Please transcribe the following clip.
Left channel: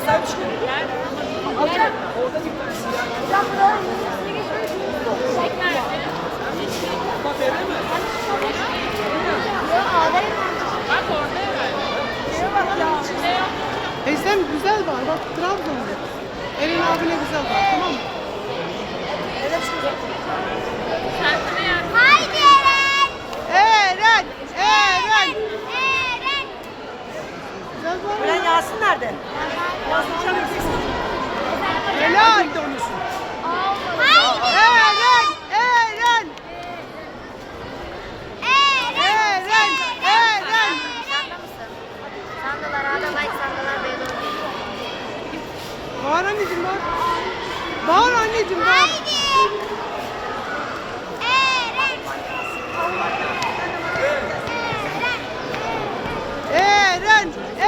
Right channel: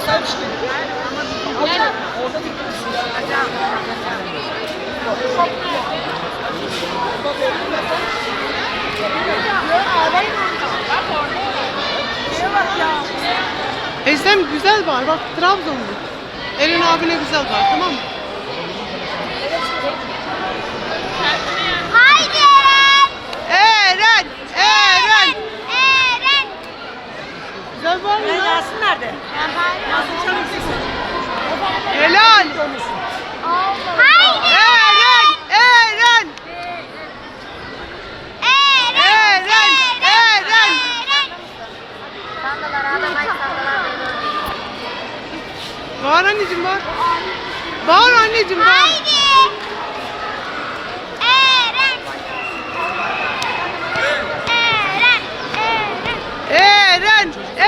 saymış ki. Orada bir Teyzem güzel var. Bak Trabzonlu. Elin abine güzel var. Tamam mı? Haydi. Eren! Eren! Eren. Güzel var mı? Yasin nerede? Yasin çalışıyorsun. Helal. Eren! Eren! Eren! Eren! Sandalar ağda bay sandalar bey doğru değil. Bağır anneciğim bağır. Bağır anneciğim bağır. Haydi! Eren! Eren! Eren! Eren!